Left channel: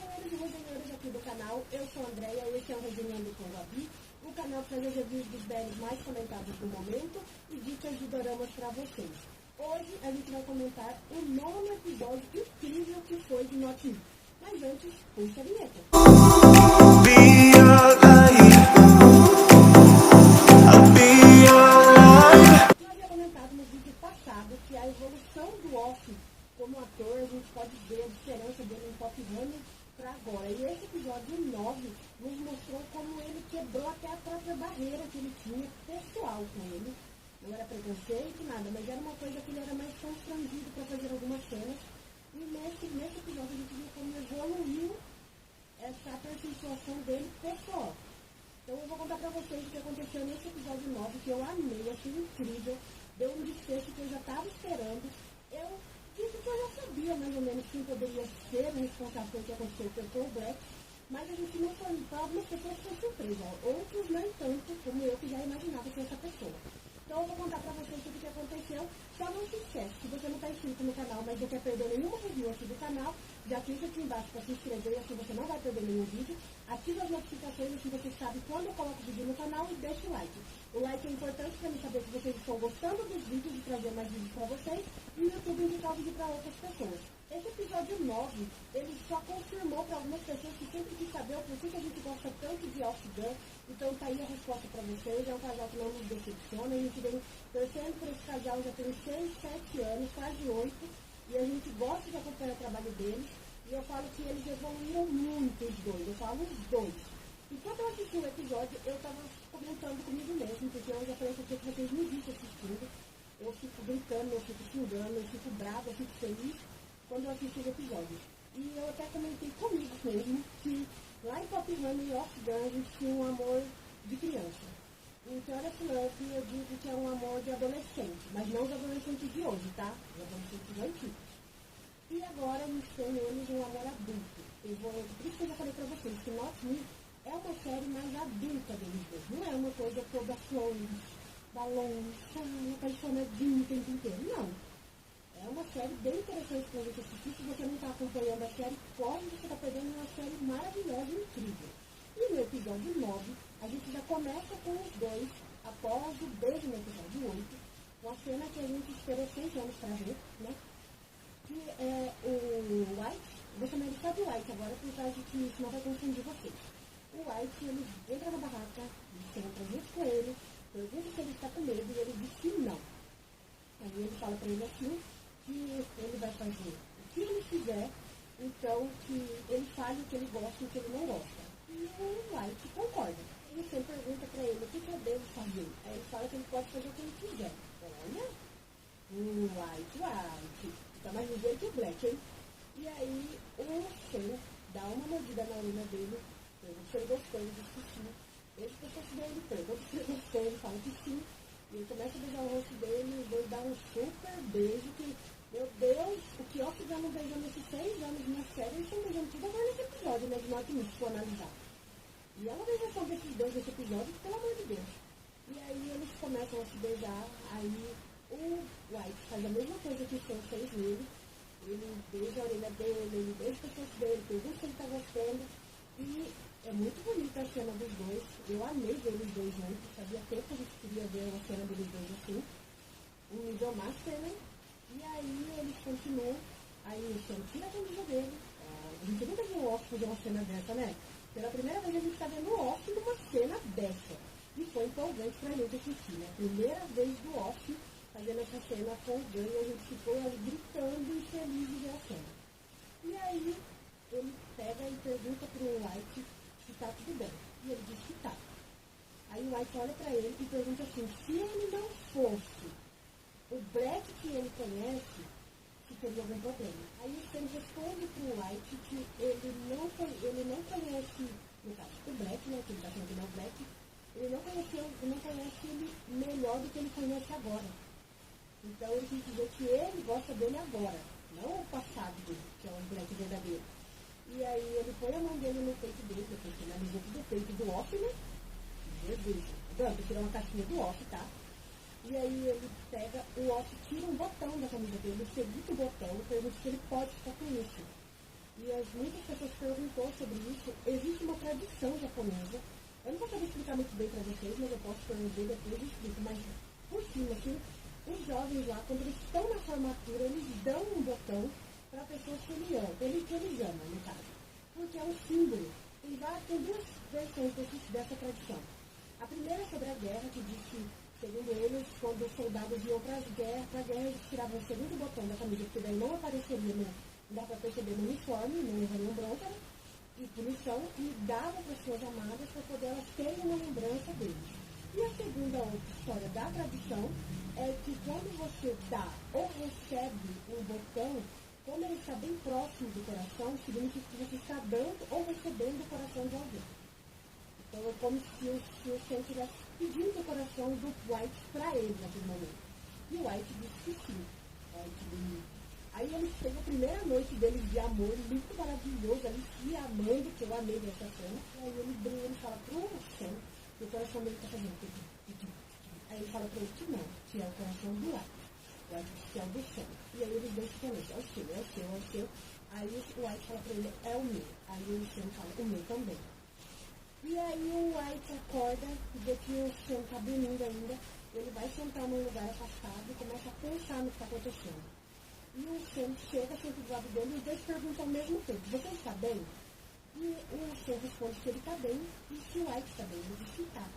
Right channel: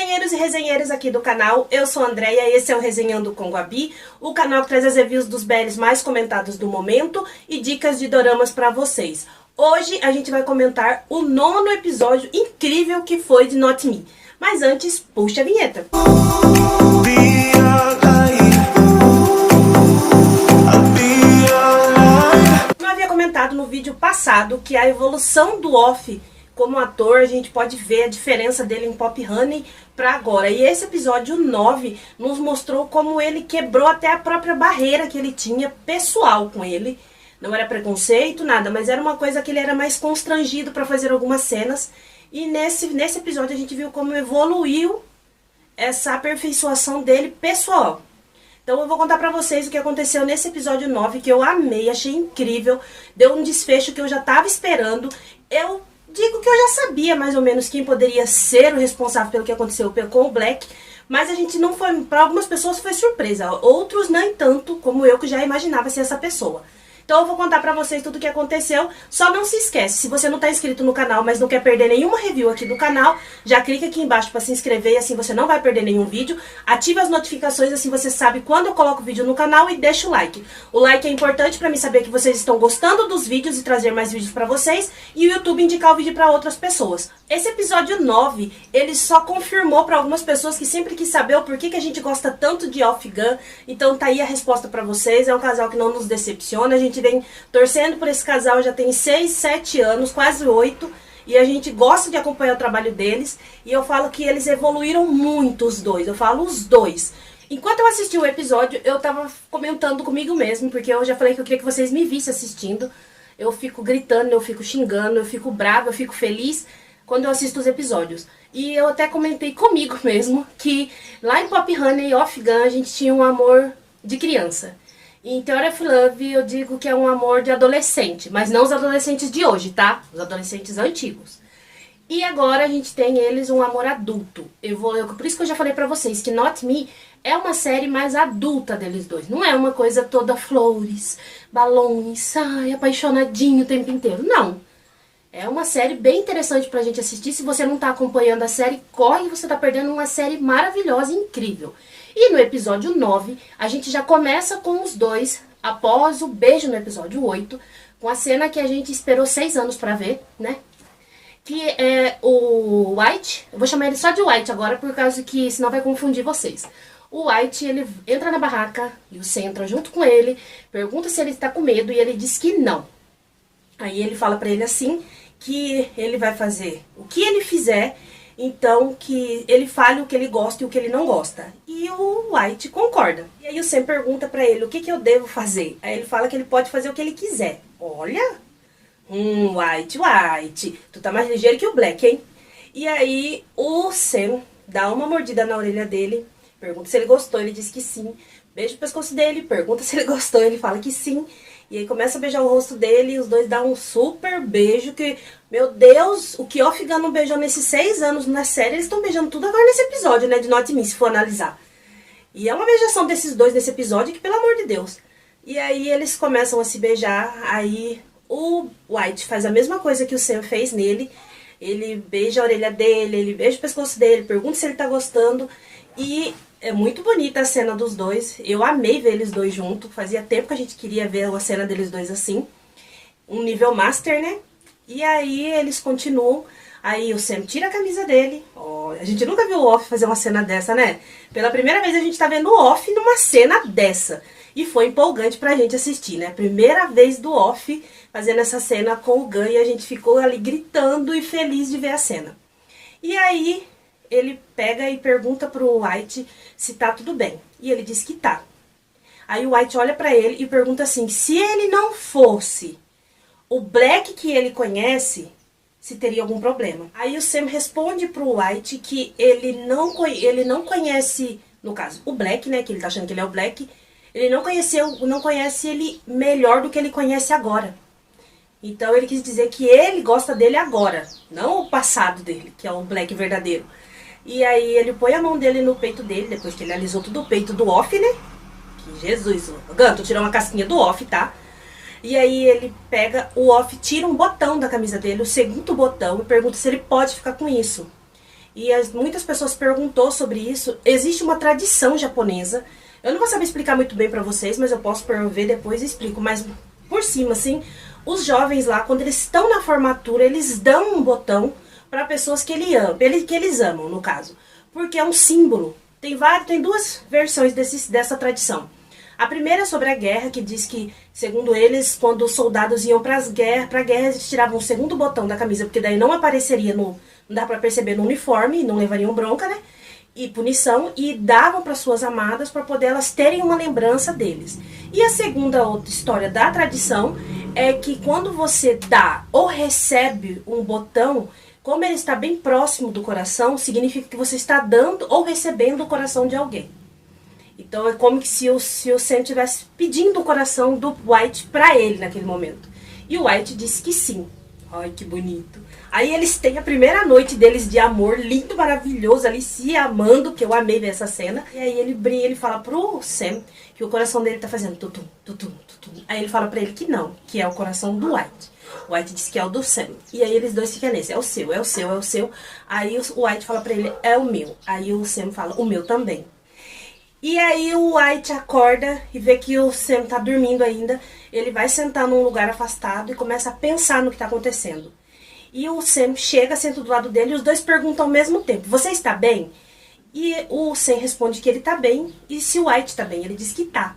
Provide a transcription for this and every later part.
resenheiros e resenheiras aqui do canal, eu sou a Andréia e esse é o Resenhando com Gabi, o canal que traz as reviews dos BLs mais comentados do momento e dicas de doramas pra vocês. Hoje a gente vai comentar o 9º episódio incrível que foi de Not Me. Mas antes, puxa a vinheta. Eu havia comentado no vídeo passado que a evolução do Off como ator, a gente pode ver a diferença dele em Pop Honey pra agora. E esse episódio 9 nos mostrou como ele quebrou até a própria barreira que ele tinha pessoal com ele. Não era preconceito, nada, mas era uma coisa que ele era mais constrangido pra fazer algumas cenas. E nesse episódio a gente viu como evoluiu essa aperfeiçoação dele pessoal. Então eu vou contar pra vocês o que aconteceu nesse episódio 9, que eu amei, achei incrível. Deu um desfecho que eu já tava esperando. Eu digo que eu já sabia mais ou menos quem poderia ser o responsável pelo que aconteceu com o Black, mas a gente não foi, para algumas pessoas foi surpresa, outros nem tanto, como eu que já imaginava ser essa pessoa. Então eu vou contar pra vocês tudo o que aconteceu. Só não se esquece, se você não tá inscrito no canal, mas não quer perder nenhuma review aqui do canal, já clica aqui embaixo pra se inscrever e assim você não vai perder nenhum vídeo. Ative as notificações, assim você sabe quando eu coloco vídeo no canal e deixa o like. O like é importante pra mim saber que vocês estão gostando dos vídeos e trazer mais vídeos pra vocês e o YouTube indicar o vídeo pra outras pessoas. Esse episódio 9, ele só confirmou pra algumas pessoas que sempre quis saber o porquê que a gente gosta tanto de Off Gun. Então tá aí a resposta pra vocês, é um casal que não nos decepciona, a gente vem torcendo por esse casal já tem 6, 7 anos, quase 8, e a gente gosta de acompanhar o trabalho deles, e eu falo que eles evoluíram muito os dois, eu falo os dois. Enquanto eu assisti o episódio, eu tava comentando comigo mesmo, porque eu já falei que eu queria que vocês me vissem assistindo. Eu fico gritando, eu fico xingando, eu fico brava, eu fico feliz quando eu assisto os episódios. E eu até comentei comigo mesmo que lá em Pop Honey e Off Gun a gente tinha um amor de criança. Em Theory of Love eu digo que é um amor de adolescente, mas não os adolescentes de hoje, tá? Os adolescentes antigos. E agora a gente tem eles um amor adulto. Por isso que eu já falei pra vocês que Not Me é uma série mais adulta deles dois. Não é uma coisa toda flores, balões, ai, apaixonadinho o tempo inteiro. Não. É uma série bem interessante pra gente assistir. Se você não tá acompanhando a série, corre, você tá perdendo uma série maravilhosa e incrível. E no episódio 9, a gente já começa com os dois, após o beijo no episódio 8, com a cena que a gente esperou 6 anos pra ver, né? Que é o White, eu vou chamar ele só de White agora, por causa que senão vai confundir vocês. O White, ele entra na barraca, e o Sam entra junto com ele, pergunta se ele tá com medo, e ele diz que não. Aí ele fala pra ele assim, que ele vai fazer o que ele fizer, então que ele fale o que ele gosta e o que ele não gosta. E o White concorda. E aí o Sam pergunta pra ele, o que eu devo fazer? Aí ele fala que ele pode fazer o que ele quiser. Olha, White, tu tá mais ligeiro que o Black, hein? E aí o Sam dá uma mordida na orelha dele, pergunta se ele gostou, ele diz que sim. Beija o pescoço dele, pergunta se ele gostou, ele fala que sim. E aí começa a beijar o rosto dele e os dois dão um super beijo que, meu Deus, o que Off Gun não beijou nesses 6 anos na série, eles estão beijando tudo agora nesse episódio, né, de Not Me, se for analisar. E é uma beijação desses dois nesse episódio que, pelo amor de Deus. E aí eles começam a se beijar, aí o White faz a mesma coisa que o Sam fez nele. Ele beija a orelha dele, ele beija o pescoço dele, pergunta se ele tá gostando e é muito bonita a cena dos dois. Eu amei ver eles dois juntos. Fazia tempo que a gente queria ver a cena deles dois assim. Um nível master, né? E aí eles continuam. Aí o Sam tira a camisa dele. Oh, a gente nunca viu o Off fazer uma cena dessa, né? Pela primeira vez a gente tá vendo o Off numa cena dessa. E foi empolgante pra gente assistir, né? Primeira vez do Off fazendo essa cena com o Gun. E a gente ficou ali gritando e feliz de ver a cena. E aí ele pega e pergunta pro White se tá tudo bem. E ele diz que tá. Aí o White olha pra ele e pergunta assim, se ele não fosse o Black que ele conhece, se teria algum problema. Aí o Sam responde pro White que ele não conhece, no caso, o Black, né, que ele tá achando que ele é o Black, ele não conhece ele melhor do que ele conhece agora. Então ele quis dizer que ele gosta dele agora, não o passado dele, que é o Black verdadeiro. E aí ele põe a mão dele no peito dele, depois que ele alisou todo o peito do Off, né? Que Jesus, Ganto, tirou uma casquinha do Off, tá? E aí ele pega o Off, tira um botão da camisa dele, o segundo botão, e pergunta se ele pode ficar com isso. E muitas pessoas perguntou sobre isso. Existe uma tradição japonesa. Eu não vou saber explicar muito bem pra vocês, mas eu posso ver depois e explico. Mas por cima, assim, os jovens lá, quando eles estão na formatura, eles dão um botão para pessoas que eles amam, no caso. Porque é um símbolo. Tem duas versões dessa tradição. A primeira é sobre a guerra, que diz que, segundo eles, quando os soldados iam pra guerra, eles tiravam o segundo botão da camisa, porque daí não apareceria não dá pra perceber no uniforme, não levariam bronca, né? E punição, e davam para suas amadas para poder elas terem uma lembrança deles. E a segunda outra história da tradição é que quando você dá ou recebe um botão, como ele está bem próximo do coração, significa que você está dando ou recebendo o coração de alguém. Então é como que se o Sam estivesse pedindo o coração do White para ele naquele momento. E o White disse que sim. Ai, que bonito. Aí eles têm a primeira noite deles de amor, lindo, maravilhoso, ali se amando, que eu amei ver essa cena. E aí ele fala pro Sam que o coração dele tá fazendo tutum, tutum, tutum. Aí ele fala pra ele que não, que é o coração do White. O White diz que é o do Sam. E aí eles dois ficam nesse, é o seu, é o seu, é o seu. Aí o White fala pra ele, é o meu. Aí o Sam fala, o meu também. E aí o White acorda e vê que o Sam tá dormindo ainda. Ele vai sentar num lugar afastado e começa a pensar no que tá acontecendo. E o Sam chega, senta do lado dele e os dois perguntam ao mesmo tempo, você está bem? E o Sam responde que ele tá bem, e se o White tá bem, ele diz que tá.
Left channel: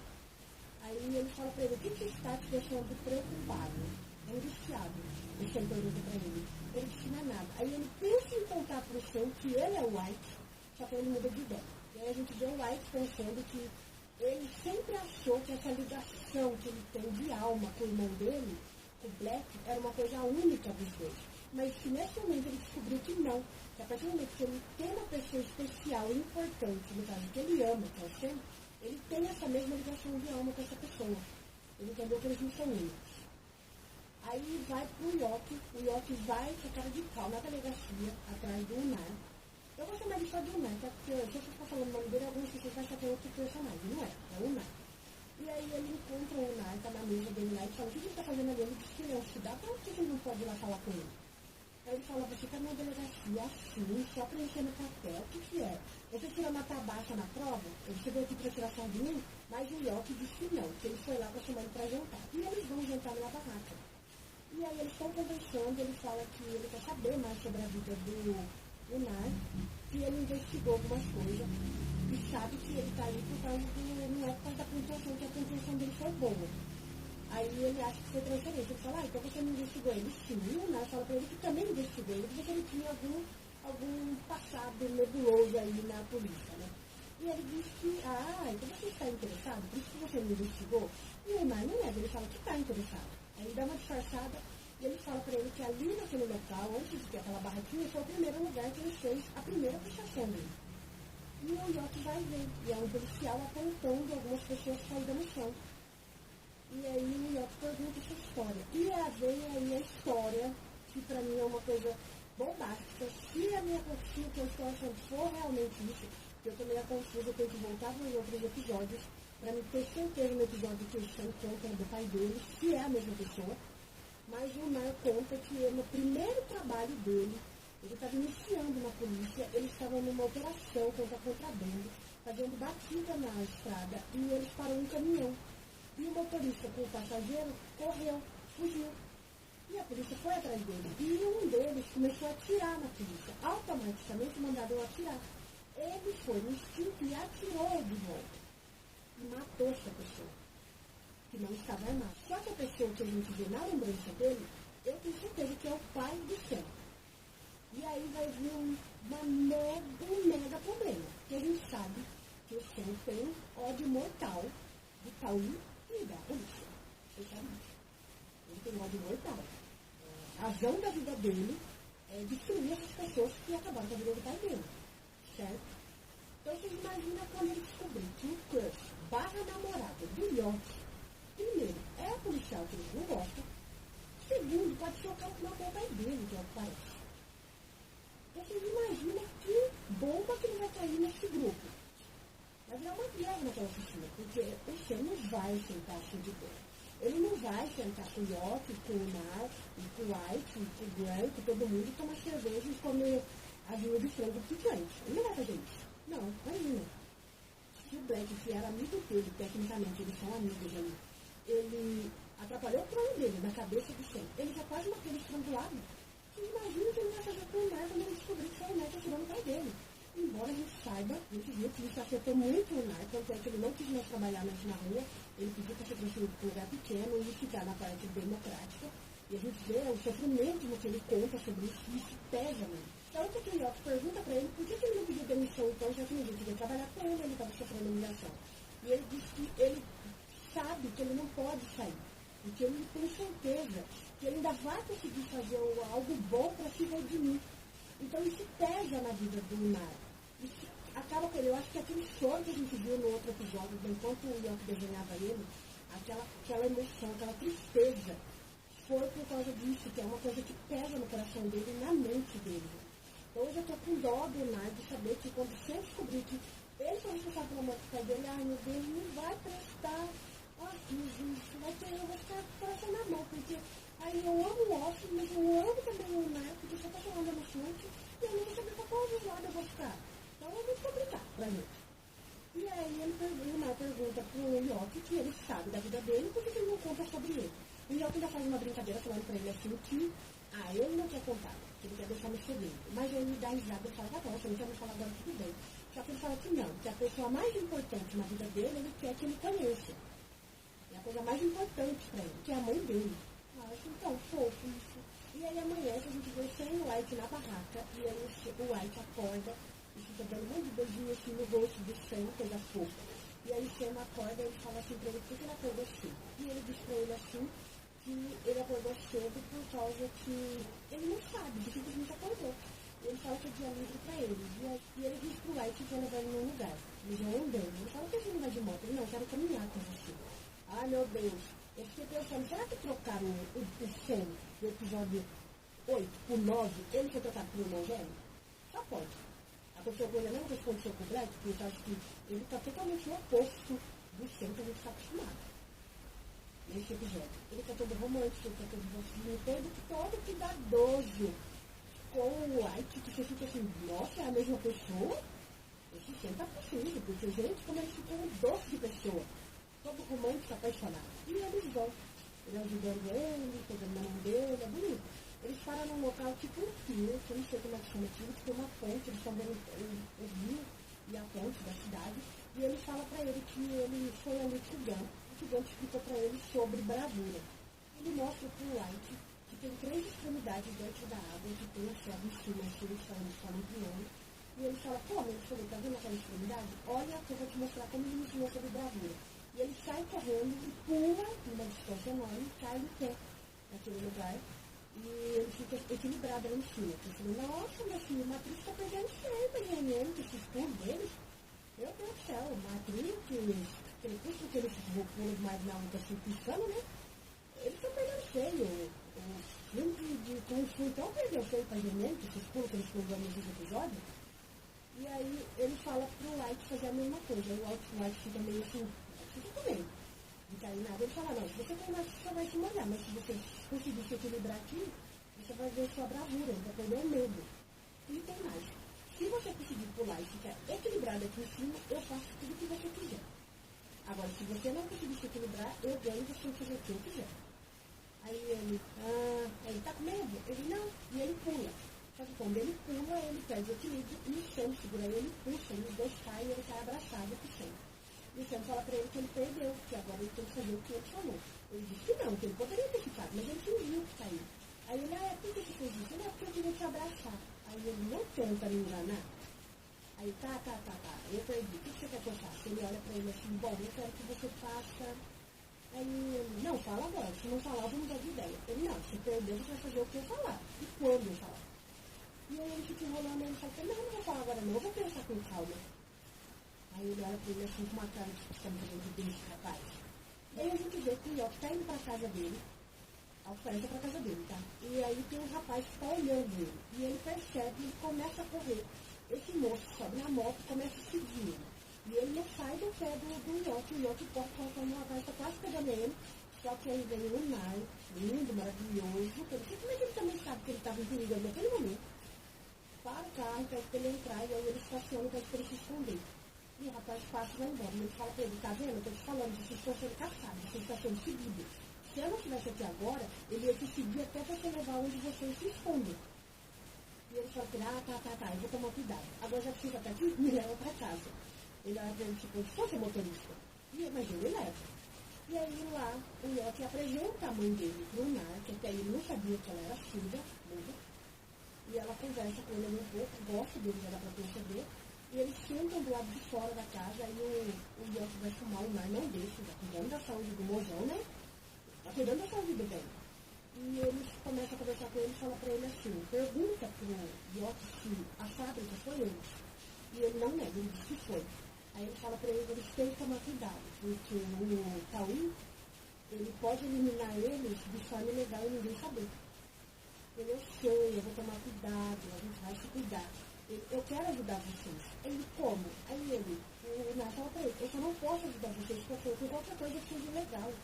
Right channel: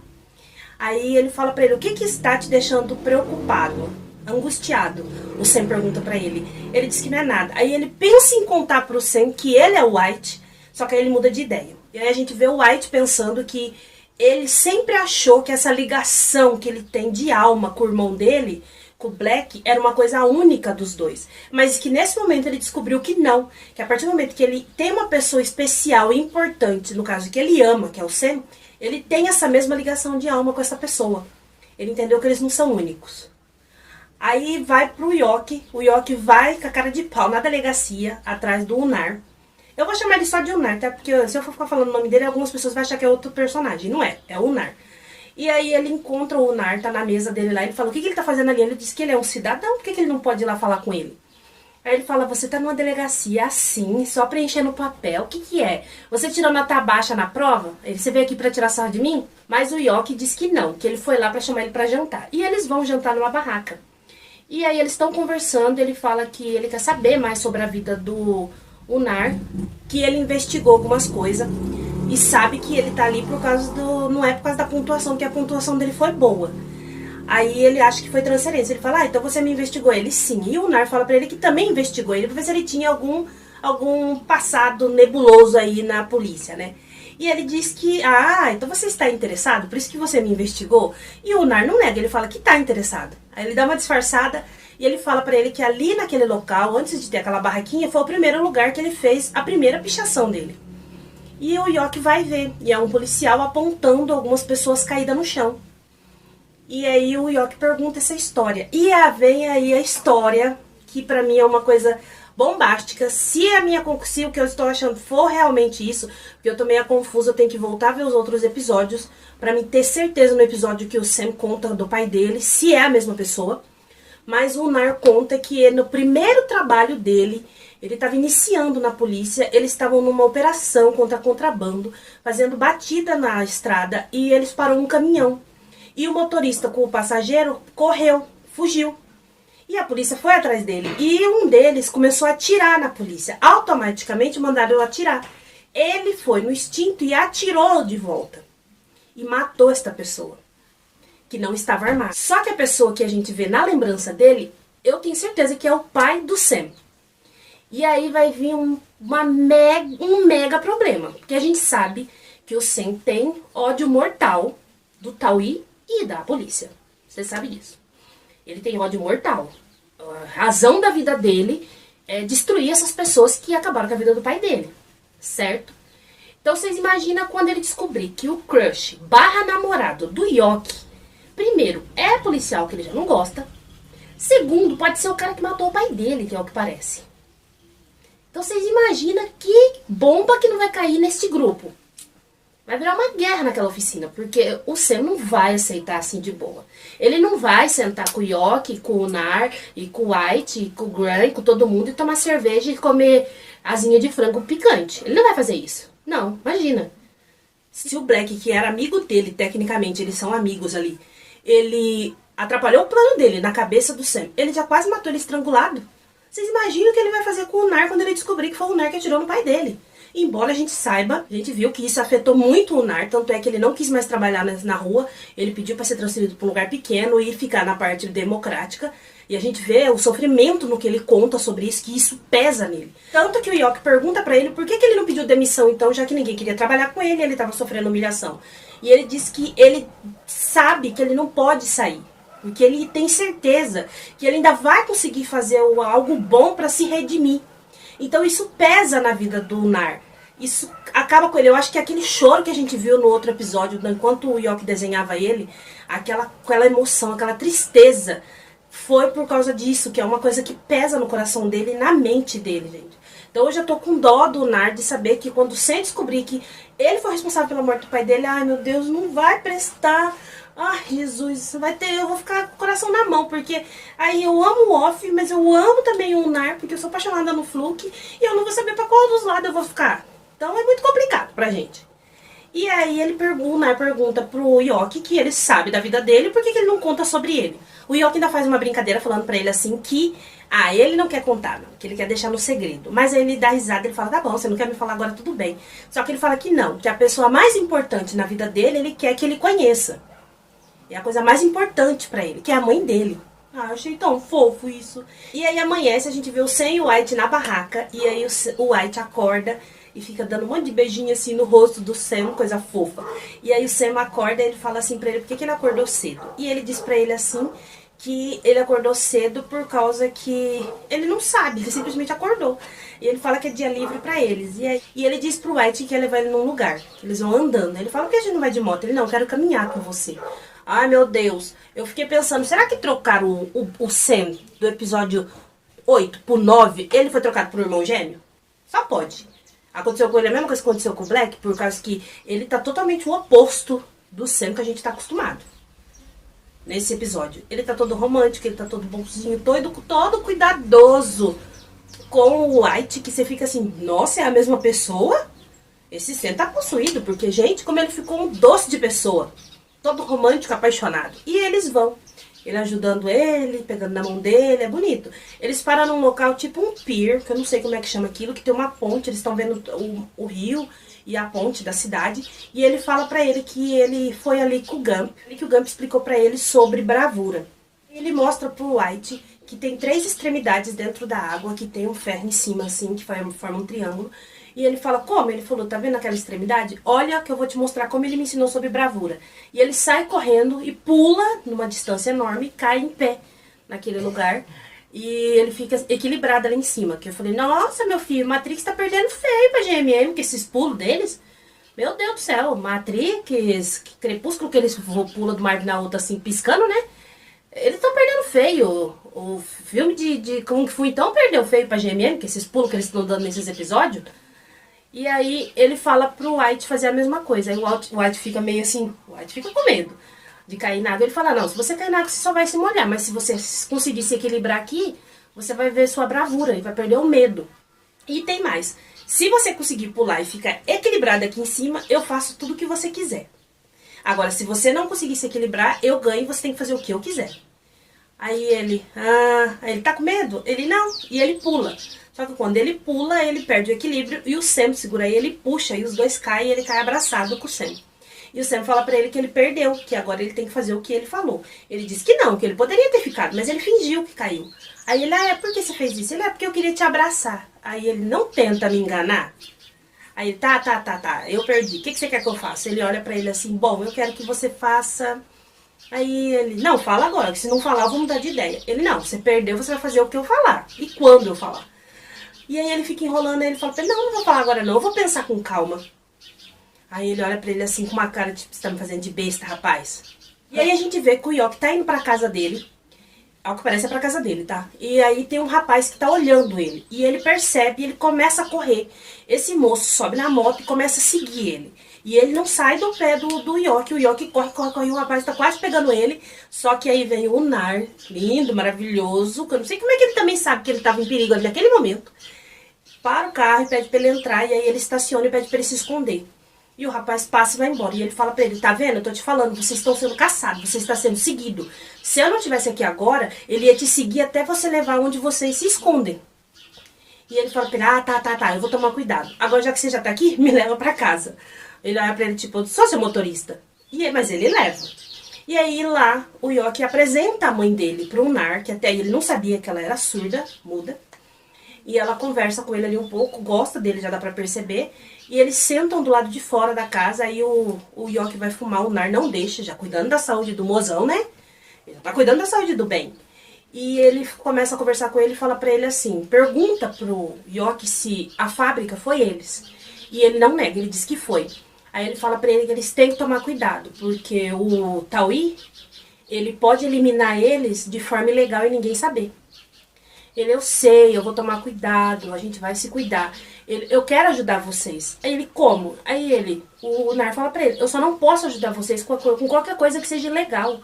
Aí ele fala pra ele, o que está te deixando preocupado, angustiado? O Sam pergunta pra ele. Ele diz que não é nada. Aí ele pensa em contar pro Sam que ele é o White, só que aí ele muda de ideia. E aí a gente vê o White pensando que ele sempre achou que essa ligação que ele tem de alma com o irmão dele, com o Black, era uma coisa única dos dois. Mas que nesse momento ele descobriu que não. Que a partir do momento que ele tem uma pessoa especial e importante, no caso que ele ama, que é o Sam, ele tem essa mesma ligação de alma com essa pessoa. Ele entendeu que eles não são únicos. Aí vai pro Yoki. O Yoki vai com a cara de pau na delegacia, atrás do Unar. Eu vou chamar ele só de Unar, tá? Porque se eu for ficar falando o nome dele, algumas pessoas vão achar que é outro personagem. Não é, é o Unar. E aí ele encontra o Unar, tá na mesa dele lá, ele fala, o que ele tá fazendo ali? Ele diz que ele é um cidadão, por que ele não pode ir lá falar com ele? Aí ele fala, você tá numa delegacia assim, só preenchendo o papel, o que é? Você tirou nota baixa na prova? Você veio aqui pra tirar sarro de mim? Mas o Yoki diz que não, que ele foi lá pra chamar ele pra jantar. E eles vão jantar numa barraca. E aí eles estão conversando, ele fala que ele quer saber mais sobre a vida do Unar, que ele investigou algumas coisas e sabe que ele tá ali por causa do... não é por causa da pontuação, que a pontuação dele foi boa. Aí ele acha que foi transferência. Ele fala, então você me investigou? Ele, sim. E o Unar fala pra ele que também investigou ele, pra ver se ele tinha algum passado nebuloso aí na polícia, né? E ele diz que, então você está interessado? Por isso que você me investigou? E o Unar não nega, ele fala que tá interessado. Aí ele dá uma disfarçada e ele fala pra ele que ali naquele local, antes de ter aquela barraquinha, foi o primeiro lugar que ele fez a primeira pichação dele. E o Yoki vai ver, e é um policial apontando algumas pessoas caídas no chão. E aí o Yoki pergunta essa história. E vem aí a história, que pra mim é uma coisa bombástica. Se o que eu estou achando for realmente isso, porque eu tô meio confusa, eu tenho que voltar a ver os outros episódios, pra mim ter certeza no episódio que o Sam conta do pai dele, se é a mesma pessoa. Mas o Unar conta que no primeiro trabalho dele, ele estava iniciando na polícia, eles estavam numa operação contra contrabando, fazendo batida na estrada, e eles pararam um caminhão. E o motorista com o passageiro correu, fugiu. E a polícia foi atrás dele. E um deles começou a atirar na polícia. Automaticamente mandaram atirar. Ele foi no instinto e atirou de volta. E matou esta pessoa, que não estava armada. Só que a pessoa que a gente vê na lembrança dele, eu tenho certeza que é o pai do Sam. E aí vai vir um mega problema. Porque a gente sabe que o Sam tem ódio mortal do Taui e da polícia. Você sabe disso. Ele tem ódio mortal. A razão da vida dele é destruir essas pessoas que acabaram com a vida do pai dele. Certo? Então vocês imaginam quando ele descobrir que o crush / namorado do Yoki, primeiro, é policial que ele já não gosta. Segundo, pode ser o cara que matou o pai dele, que é o que parece. Então vocês imaginam que bomba que não vai cair neste grupo. Vai virar uma guerra naquela oficina, porque o Sam não vai aceitar assim de boa. Ele não vai sentar com o Yoki, com o Nar, e com o White, e com o Gran, com todo mundo e tomar cerveja e comer asinha de frango picante. Ele não vai fazer isso. Não, imagina. Se o Black, que era amigo dele, tecnicamente, eles são amigos ali, ele atrapalhou o plano dele na cabeça do Sam, ele já quase matou ele estrangulado. Vocês imaginam o que ele vai fazer com o Nar quando ele descobrir que foi o Nar que atirou no pai dele? Embora a gente saiba, a gente viu que isso afetou muito o Nar, tanto é que ele não quis mais trabalhar na rua, ele pediu para ser transferido para um lugar pequeno e ficar na parte democrática. E a gente vê o sofrimento no que ele conta sobre isso, que isso pesa nele. Tanto que o Yoki pergunta pra ele por que ele não pediu demissão então, já que ninguém queria trabalhar com ele e ele tava sofrendo humilhação. E ele diz que ele sabe que ele não pode sair. Porque ele tem certeza que ele ainda vai conseguir fazer algo bom pra se redimir. Então isso pesa na vida do Nar. Isso acaba com ele. Eu acho que aquele choro que a gente viu no outro episódio, enquanto o Yoki desenhava ele, aquela emoção, aquela tristeza, foi por causa disso, que é uma coisa que pesa no coração dele e na mente dele, gente. Então eu já tô com dó do Nar de saber que quando sem descobrir que ele foi responsável pela morte do pai dele, ai meu Deus, não vai prestar. Ai, Jesus, vai ter, eu vou ficar com o coração na mão, porque aí eu amo o Off, mas eu amo também o Nar, porque eu sou apaixonada no Fluke, e eu não vou saber pra qual dos lados eu vou ficar. Então é muito complicado pra gente. E aí o Nar pergunta pro Yoki que ele sabe da vida dele, por que ele não conta sobre ele? O Yoki ainda faz uma brincadeira falando pra ele assim que, ele não quer contar, não, que ele quer deixar no segredo. Mas aí ele dá risada, ele fala, tá bom, você não quer me falar agora, tudo bem. Só que ele fala que não, que a pessoa mais importante na vida dele, ele quer que ele conheça. É a coisa mais importante pra ele, que é a mãe dele. Ah, achei tão fofo isso. E aí amanhece, a gente vê o Sam e o White na barraca, e aí o White acorda e fica dando um monte de beijinho assim no rosto do Sam, coisa fofa. E aí o Sam acorda e ele fala assim pra ele, por que ele acordou cedo? E ele diz pra ele assim, que ele acordou cedo por causa que ele não sabe, ele simplesmente acordou. E ele fala que é dia livre pra eles. E ele diz pro White que ia levar ele num lugar, que eles vão andando. Ele fala, por que a gente não vai de moto? Ele, não, eu quero caminhar com você. Ai, meu Deus. Eu fiquei pensando, será que trocaram o Sam do episódio 8 pro 9? Ele foi trocado por irmão gêmeo? Só pode. Aconteceu com ele a mesma coisa que aconteceu com o Black, por causa que ele tá totalmente o oposto do Sam que a gente tá acostumado. Nesse episódio. Ele tá todo romântico, ele tá todo bonzinho, todo cuidadoso com o White, que você fica assim, nossa, é a mesma pessoa? Esse Sam tá possuído, porque, gente, como ele ficou um doce de pessoa. Todo romântico, apaixonado. E eles vão. Ele ajudando ele, pegando na mão dele, é bonito. Eles param num local tipo um pier, que eu não sei como é que chama aquilo, que tem uma ponte, eles estão vendo o rio e a ponte da cidade. E ele fala pra ele que ele foi ali com o Gump, e que o Gump explicou pra ele sobre bravura. Ele mostra pro White que tem 3 extremidades dentro da água, que tem um ferro em cima, assim, que forma um triângulo. E ele fala, como? Ele falou, tá vendo aquela extremidade? Olha que eu vou te mostrar como ele me ensinou sobre bravura. E ele sai correndo e pula numa distância enorme, cai em pé naquele lugar. E ele fica equilibrado ali em cima. Que eu falei, nossa, meu filho, Matrix tá perdendo feio pra GMM, que esses pulos deles. Meu Deus do céu, Matrix, que crepúsculo que eles pulam de uma árvore na outra assim, piscando, né? Eles estão perdendo feio. O filme de Kung Fu então perdeu feio pra GMM, que esses pulos que eles estão dando nesses episódios. E aí ele fala pro White fazer a mesma coisa. Aí o White fica meio assim, o White fica com medo de cair na água. Ele fala, não, se você cair na água, você só vai se molhar. Mas se você conseguir se equilibrar aqui, você vai ver sua bravura e vai perder o medo. E tem mais. Se você conseguir pular e ficar equilibrado aqui em cima, eu faço tudo o que você quiser. Agora, se você não conseguir se equilibrar, eu ganho e você tem que fazer o que eu quiser. Aí ele tá com medo? Ele não. E ele pula. Só que quando ele pula, ele perde o equilíbrio e o Sam segura ele, puxa e os dois caem e ele cai abraçado com o Sam. E o Sam fala pra ele que ele perdeu, que agora ele tem que fazer o que ele falou. Ele disse que não, que ele poderia ter ficado, mas ele fingiu que caiu. Aí ele, por que você fez isso? Ele, porque eu queria te abraçar. Aí ele, não tenta me enganar. Aí ele, tá, eu perdi, o que você quer que eu faça? Ele olha pra ele assim, bom, eu quero que você faça... Aí ele, não, fala agora, que se não falar eu vou mudar de ideia. Ele, não, você perdeu, você vai fazer o que eu falar. E quando eu falar? E aí ele fica enrolando, aí ele fala pra ele, não vou falar agora não, eu vou pensar com calma. Aí ele olha pra ele assim, com uma cara de, você tá me fazendo de besta, rapaz. E aí a gente vê que o Yoki tá indo pra casa dele, ao que parece é pra casa dele, tá? E aí tem um rapaz que tá olhando ele, e ele percebe, e ele começa a correr. Esse moço sobe na moto e começa a seguir ele. E ele não sai do pé do York. O York corre, corre, corre. O rapaz tá quase pegando ele. Só que aí vem o Nar, lindo, maravilhoso. Que eu não sei como é que ele também sabe que ele tava em perigo ali naquele momento. Para o carro e pede pra ele entrar. E aí ele estaciona e pede pra ele se esconder. E o rapaz passa e vai embora. E ele fala pra ele, tá vendo? Eu tô te falando, vocês estão sendo caçados, você está sendo seguido. Se eu não estivesse aqui agora, ele ia te seguir até você levar onde vocês se escondem. E ele fala pra ele, tá, eu vou tomar cuidado. Agora, já que você já tá aqui, me leva pra casa. Ele olha pra ele, tipo, sou seu motorista. Mas ele leva. E aí lá, o York apresenta a mãe dele pro Nar, que até aí ele não sabia que ela era surda, muda. E ela conversa com ele ali um pouco, gosta dele, já dá pra perceber. E eles sentam do lado de fora da casa, aí o York vai fumar, o Nar não deixa, já cuidando da saúde do mozão, né? Ele tá cuidando da saúde do bem. E ele começa a conversar com ele e fala pra ele assim, pergunta pro York se a fábrica foi eles. E ele não nega, ele diz que foi. Aí ele fala pra ele que eles têm que tomar cuidado, porque o Taui, ele pode eliminar eles de forma ilegal e ninguém saber. Ele, eu sei, eu vou tomar cuidado, a gente vai se cuidar. Ele, eu quero ajudar vocês. Aí ele, como? Aí o Nar fala pra ele, eu só não posso ajudar vocês com qualquer coisa que seja legal.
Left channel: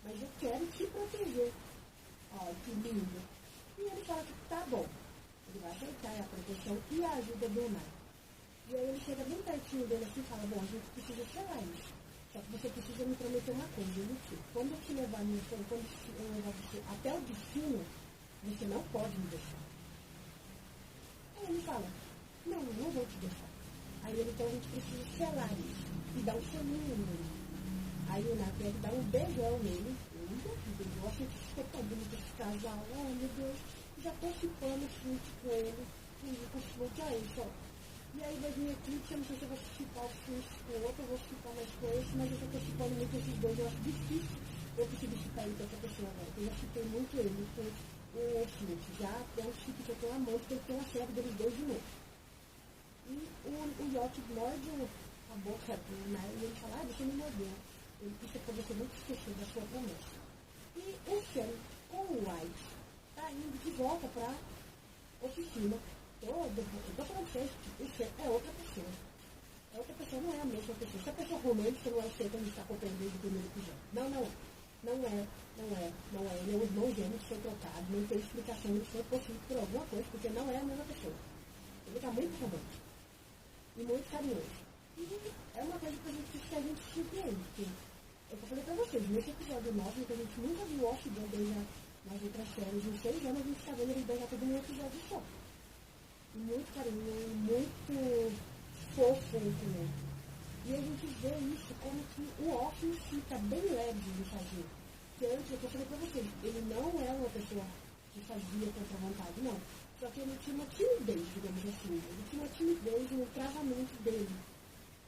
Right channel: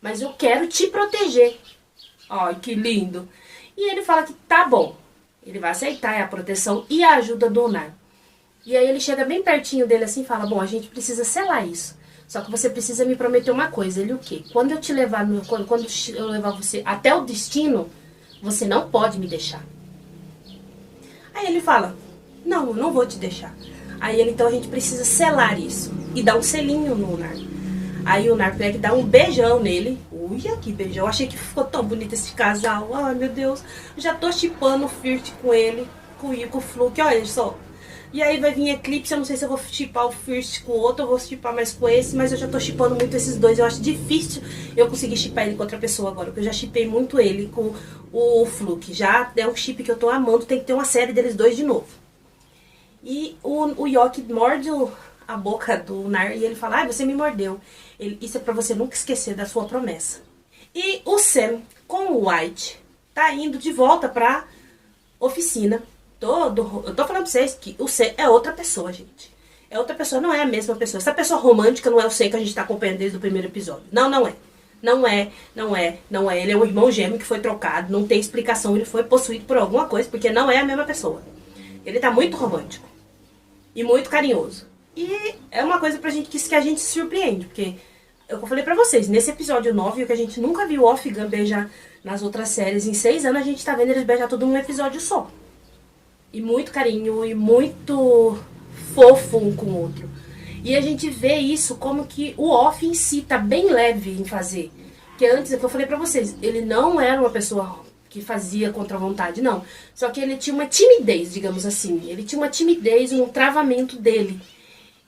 Mas eu quero te proteger. Ai, que lindo. E ele fala que tá bom. Ele vai aceitar a proteção e a ajuda do Nar. E aí ele chega bem pertinho dele assim e fala, bom, a gente precisa selar isso. Só que você precisa me prometer uma coisa. Ele, o quê? Quando eu te levar, quando eu levar você até o destino, você não pode me deixar. Aí ele fala, não, eu não vou te deixar. Aí ele, então a gente precisa selar isso. E dar um selinho no Nar. Aí o Nar pega e dá um beijão nele. Ui, que beijão. Achei que ficou tão bonito esse casal. Ai, meu Deus. Já tô chipando o Flirt com ele, com o Fluke, olha só. E aí vai vir Eclipse, eu não sei se eu vou chipar o First com o outro, eu vou chipar mais com esse, mas eu já tô chipando muito esses dois. Eu acho difícil eu conseguir chipar ele com outra pessoa agora, porque eu já chipei muito ele com o Fluke. Já é um chip que eu tô amando, tem que ter uma série deles dois de novo. E o York morde a boca do Nar e ele fala, ai, você me mordeu. Isso é pra você nunca esquecer da sua promessa. E o Sam, com o White, tá indo de volta pra oficina. Eu tô falando pra vocês que o Sam é outra pessoa, gente. É outra pessoa, não é a mesma pessoa. Essa pessoa romântica não é o Sam que a gente tá acompanhando desde o primeiro episódio. Não, não é. Não é. Ele é um irmão gêmeo que foi trocado, não tem explicação. Ele foi possuído por alguma coisa, porque não é a mesma pessoa. Ele tá muito romântico. E muito carinhoso. E é uma coisa que a gente se surpreende, porque eu falei pra vocês, nesse episódio 9, o que a gente nunca viu o Off-Gun beijar nas outras séries, em 6 anos a gente tá vendo eles beijar tudo num episódio só. E muito carinho, e muito fofo um com o outro. E a gente vê isso como que o Off em si tá bem leve em fazer. Porque antes, é que eu falei pra vocês, ele não era uma pessoa que fazia contra a vontade, não. Só que ele tinha uma timidez, digamos assim. Ele tinha uma timidez, um travamento dele.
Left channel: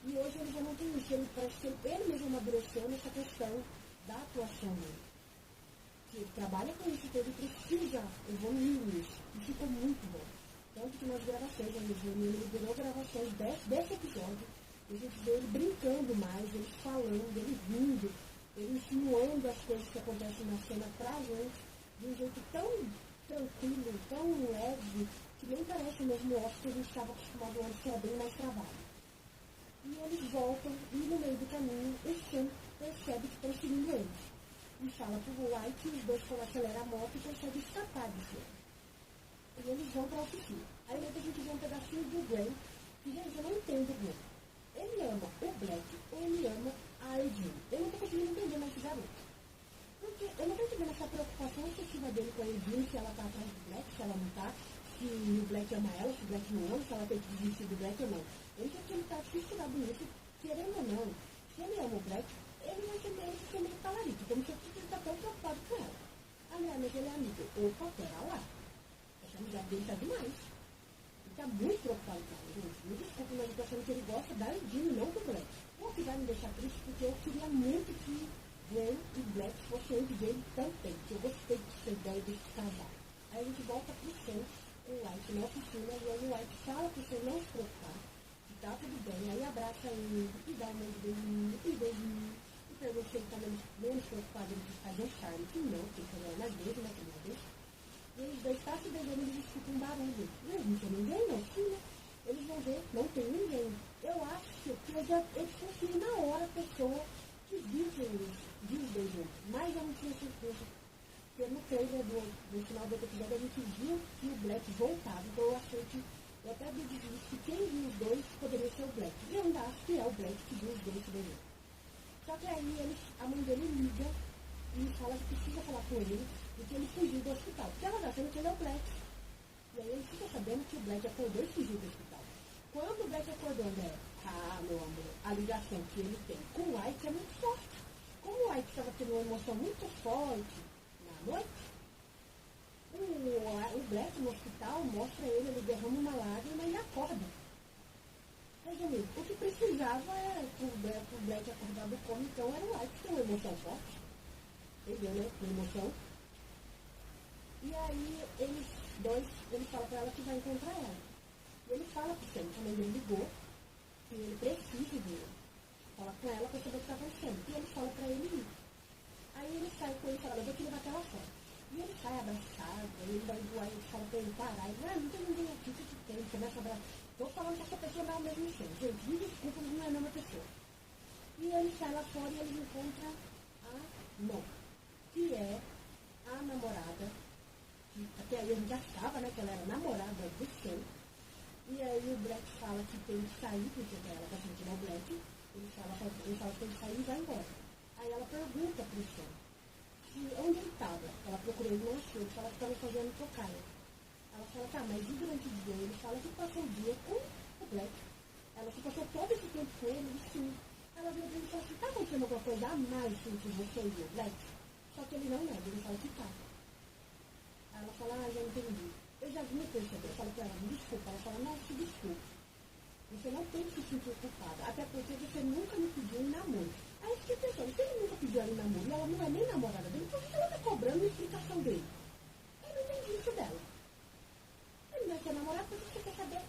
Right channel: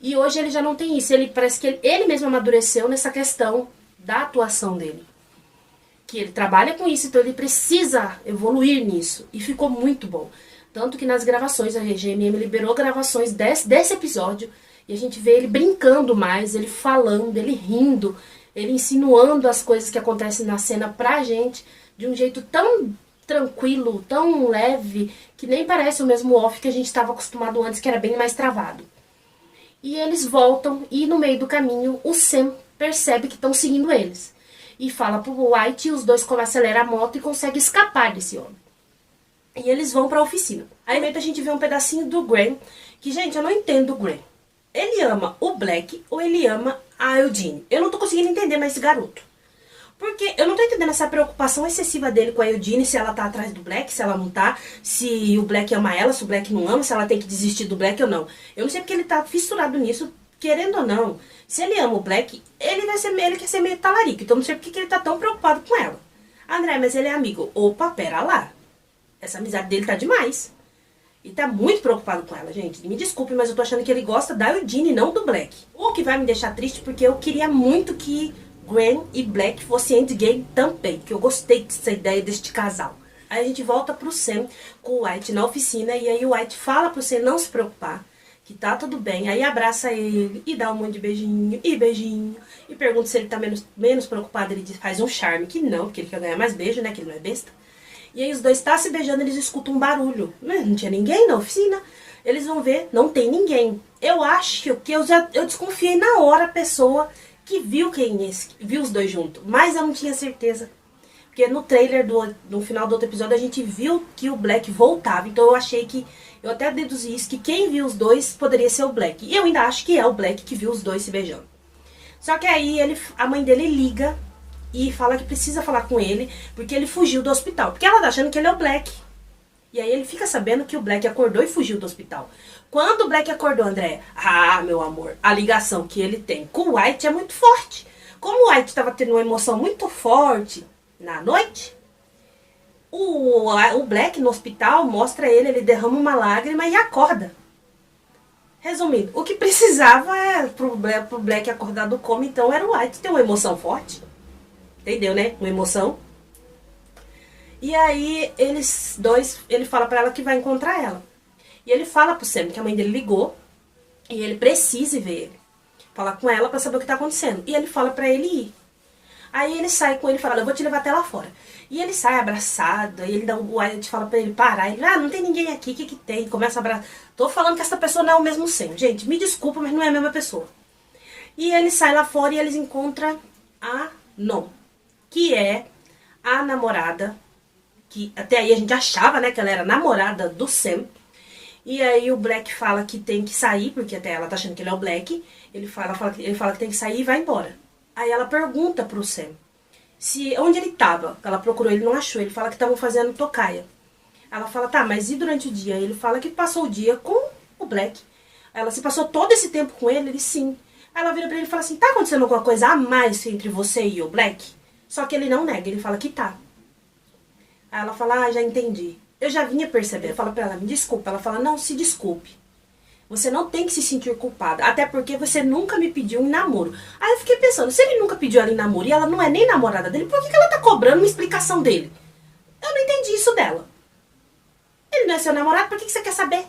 E hoje ele já não tem isso. Ele parece que ele mesmo amadureceu nessa questão da atuação dele. Que ele trabalha com isso, então ele precisa evoluir nisso. E ficou muito bom. Tanto que nas gravações, a GMM liberou gravações desse episódio. E a gente vê ele brincando mais, ele falando, ele rindo, ele insinuando as coisas que acontecem na cena pra gente. De um jeito tão tranquilo, tão leve, que nem parece o mesmo Off que a gente estava acostumado antes, que era bem mais travado. E eles voltam e no meio do caminho o Sam percebe que estão seguindo eles. E fala pro White e os dois aceleram a moto e conseguem escapar desse homem. E eles vão pra oficina. Aí a gente vê um pedacinho do Graham, que, gente, eu não entendo o Graham. Ele ama o Black ou ele ama a Eugene? Eu não tô conseguindo entender mais esse garoto. Porque eu não tô entendendo essa preocupação excessiva dele com a Eugene, se ela tá atrás do Black, se ela não tá, se o Black ama ela, se o Black não ama, se ela tem que desistir do Black ou não. Eu não sei porque ele tá fissurado nisso, querendo ou não. Se ele ama o Black, ele quer ser meio talarico, então não sei porque ele tá tão preocupado com ela. André, mas ele é amigo. Opa, pera lá. Essa amizade dele tá demais. E tá muito preocupado com ela, gente. Me desculpe, mas eu tô achando que ele gosta da Eugene e não do Black. O que vai me deixar triste, porque eu queria muito que Gwen e Black fossem endgame também. Porque eu gostei dessa ideia deste casal. Aí a gente volta pro Sam com o White na oficina. E aí o White fala pro Sam não se preocupar, que tá tudo bem. Aí abraça ele e dá um monte de beijinho e beijinho. E pergunta se ele tá menos preocupado. Ele faz um charme, que não, porque ele quer ganhar mais beijo, né? Que ele não é besta. E aí os dois estão se beijando, eles escutam um barulho. Não tinha ninguém na oficina. Eles vão ver, não tem ninguém. Eu acho que eu desconfiei na hora a pessoa que viu viu os dois juntos. Mas eu não tinha certeza. Porque no trailer no final do outro episódio a gente viu que o Black voltava. Então eu achei que, eu até deduzi isso, que quem viu os dois poderia ser o Black. E eu ainda acho que é o Black que viu os dois se beijando. Só que aí a mãe dele liga e fala que precisa falar com ele, porque ele fugiu do hospital. Porque ela tá achando que ele é o Black. E aí ele fica sabendo que o Black acordou e fugiu do hospital. Quando o Black acordou, André, meu amor, a ligação que ele tem com o White é muito forte. Como o White estava tendo uma emoção muito forte na noite, o Black no hospital mostra ele derrama uma lágrima e acorda. Resumindo, o que precisava pro Black acordar do coma, então, era o White ter uma emoção forte. Entendeu, né? Uma emoção. E aí, ele fala pra ela que vai encontrar ela. E ele fala pro Sam que a mãe dele ligou e ele precisa ver ele. Falar com ela pra saber o que tá acontecendo. E ele fala pra ele ir. Aí ele sai com ele e fala, eu vou te levar até lá fora. E ele sai abraçado, aí ele o White fala pra ele parar. Ele, não tem ninguém aqui, o que tem? Começa a abraçar. Tô falando que essa pessoa não é o mesmo Sam. Gente, me desculpa, mas não é a mesma pessoa. E ele sai lá fora e eles encontram a Non, que é a namorada, que até aí a gente achava, né, que ela era namorada do Sam. E aí o Black fala que tem que sair, porque até ela tá achando que ele é o Black. Ele fala que tem que sair e vai embora. Aí ela pergunta pro Sam onde ele tava. Ela procurou, ele não achou. Ele fala que estavam fazendo tocaia. Ela fala, tá, mas e durante o dia? Ele fala que passou o dia com o Black. Ela, se passou todo esse tempo com ele? Ele, sim. Aí ela vira pra ele e fala assim, tá acontecendo alguma coisa a mais entre você e o Black? Só que ele não nega, ele fala que tá. Aí ela fala, já entendi. Eu já vinha perceber. Fala pra ela, me desculpa. Ela fala, não, se desculpe. Você não tem que se sentir culpada. Até porque você nunca me pediu em namoro. Aí eu fiquei pensando, se ele nunca pediu ela em namoro e ela não é nem namorada dele, por que ela tá cobrando uma explicação dele? Eu não entendi isso dela. Ele não é seu namorado, por que você quer saber?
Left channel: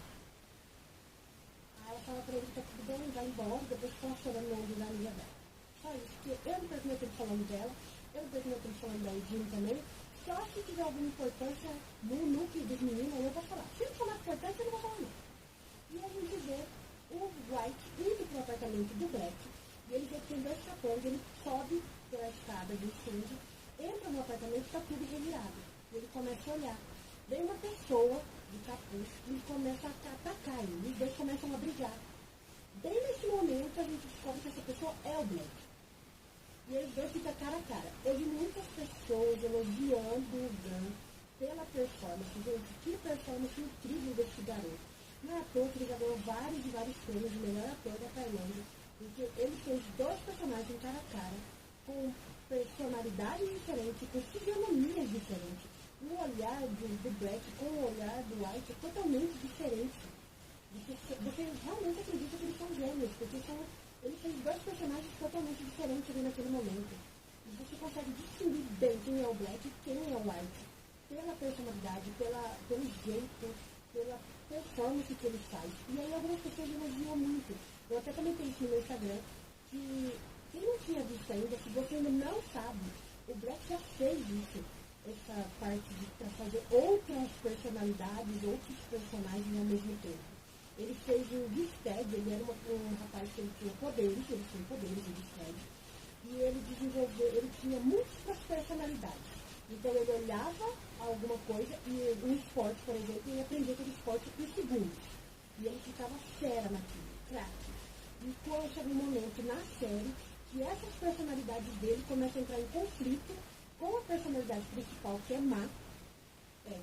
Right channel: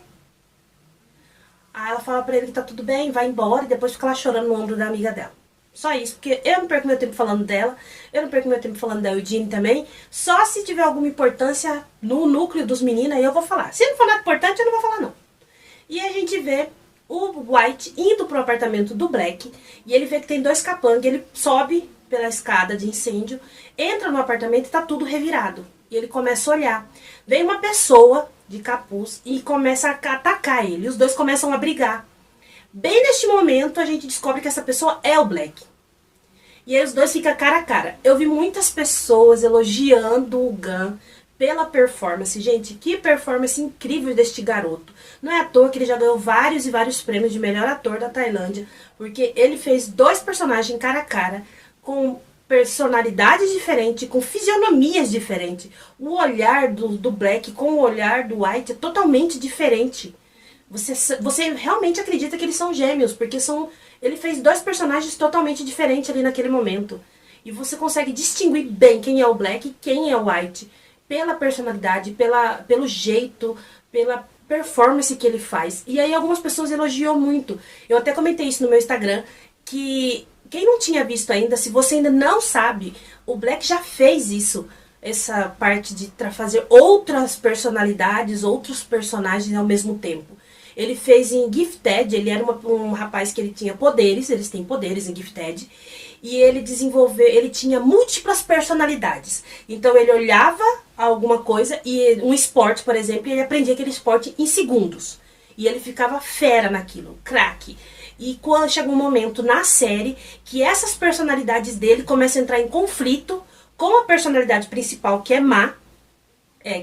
Aí ela fala pra ele que tá tudo bem, vai embora e depois fica lá chorando no ombro da amiga dela. Só isso, porque eu não perco meu tempo falando dela, eu não perco meu tempo falando da Eugene também. Só se tiver alguma importância no núcleo dos meninos, aí eu vou falar. Se não for nada importante, eu não vou falar não. E a gente vê o White indo pro apartamento do Black, e ele vê que tem dois capangas, ele sobe pela escada de incêndio, entra no apartamento e tá tudo revirado. E ele começa a olhar. Vem uma pessoa de capuz e começa a atacar ele, e os dois começam a brigar. Bem neste momento, a gente descobre que essa pessoa é o Black. E aí os dois ficam cara a cara. Eu vi muitas pessoas elogiando o Gunn pela performance. Gente, que performance incrível deste garoto. Não é à toa que ele já ganhou vários e vários prêmios de melhor ator da Tailândia, porque ele fez dois personagens cara a cara, com personalidades diferentes, com fisionomias diferentes. O olhar do Black com o olhar do White é totalmente diferente. Você realmente acredita que eles são gêmeos, porque ele fez dois personagens totalmente diferentes ali naquele momento. E você consegue distinguir bem quem é o Black e quem é o White, pela personalidade, pelo jeito, pela performance que ele faz. E aí algumas pessoas elogiam muito. Eu até comentei isso no meu Instagram, que quem não tinha visto ainda, se você ainda não sabe, o Black já fez isso. Essa parte de fazer outras personalidades, outros personagens ao mesmo tempo. Ele fez em Gifted, ele era um rapaz que ele tinha poderes, eles têm poderes em Gifted. E ele tinha múltiplas personalidades. Então ele olhava alguma coisa, e um esporte, por exemplo, e ele aprendia aquele esporte em segundos. E ele ficava fera naquilo, craque. E quando chega um momento na série que essas personalidades dele começam a entrar em conflito com a personalidade principal, que é má.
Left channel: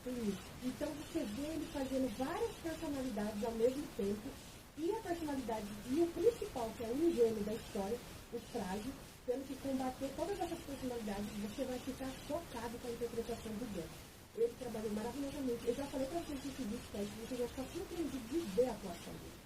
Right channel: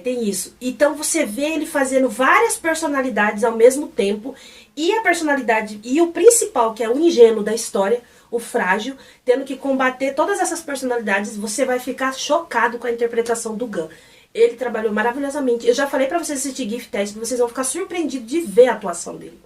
Tem isso. Então você vê ele fazendo várias personalidades ao mesmo tempo, e a personalidade, e o principal, que é o ingênuo da história, o frágil, tendo que combater todas essas personalidades. Você vai ficar chocado com a interpretação do Gunn. Ele trabalhou maravilhosamente. Eu já falei pra vocês assistir Gifted, que vocês vão ficar surpreendidos de ver a atuação dele.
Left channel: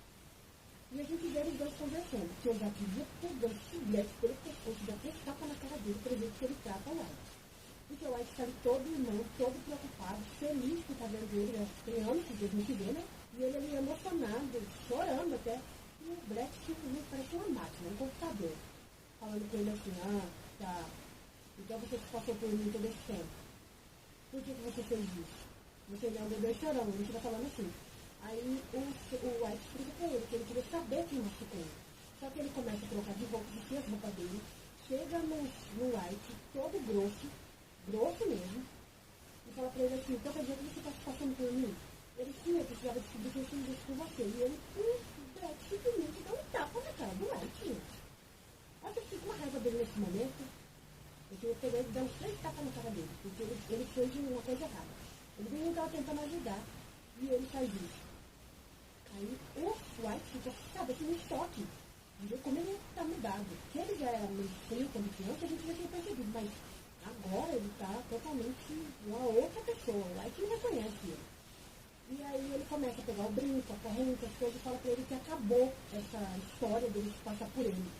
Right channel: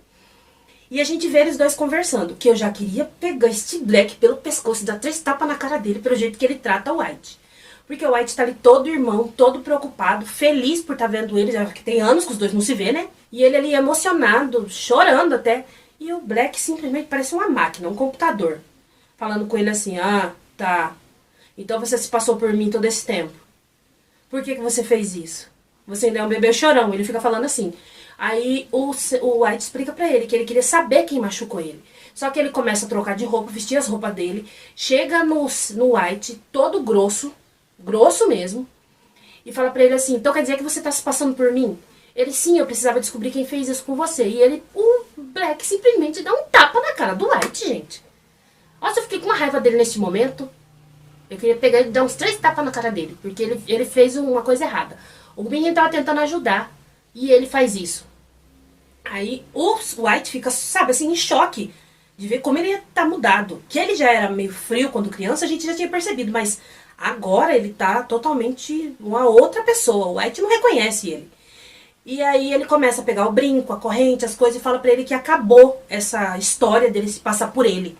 E a gente vê eles dois conversando, que eu já queria pegar este Black pelo pescoço e dar 3 tapas na cara dele, pelo jeito que ele trata o White. Porque o White tá ali todo irmão, todo preocupado, feliz por estar vendo ele, já que tem anos que os dois não se vê, né? E ele ali emocionado, chorando até. E o Black simplesmente parece uma máquina, um computador. Falando com ele assim, tá. Então você se passou por mim todo esse tempo. Por que você fez isso? Você ainda é um bebê chorão. Ele fica falando assim. Aí o White explica pra ele que ele queria saber quem machucou ele. Só que ele começa a trocar de roupa, vestir as roupas dele. Chega no White, todo grosso, grosso mesmo. E fala pra ele assim, então quer dizer que você tá se passando por mim? Ele, sim, eu precisava descobrir quem fez isso com você. E ele, o Black simplesmente dá um tapa na cara do White, gente. Nossa, eu fiquei com uma raiva dele nesse momento. Eu queria pegar ele e dar uns 3 tapas na cara dele. Porque ele fez uma coisa errada. O menino tava tentando ajudar. E ele faz isso. Aí o White fica, sabe, assim, em choque. De ver como ele tá mudado. Que ele já era meio frio quando criança, a gente já tinha percebido. Mas agora ele tá totalmente uma outra pessoa. O White não reconhece ele. E aí ele começa a pegar o brinco, a corrente, as coisas. E fala pra ele que acabou essa história dele se passar por ele.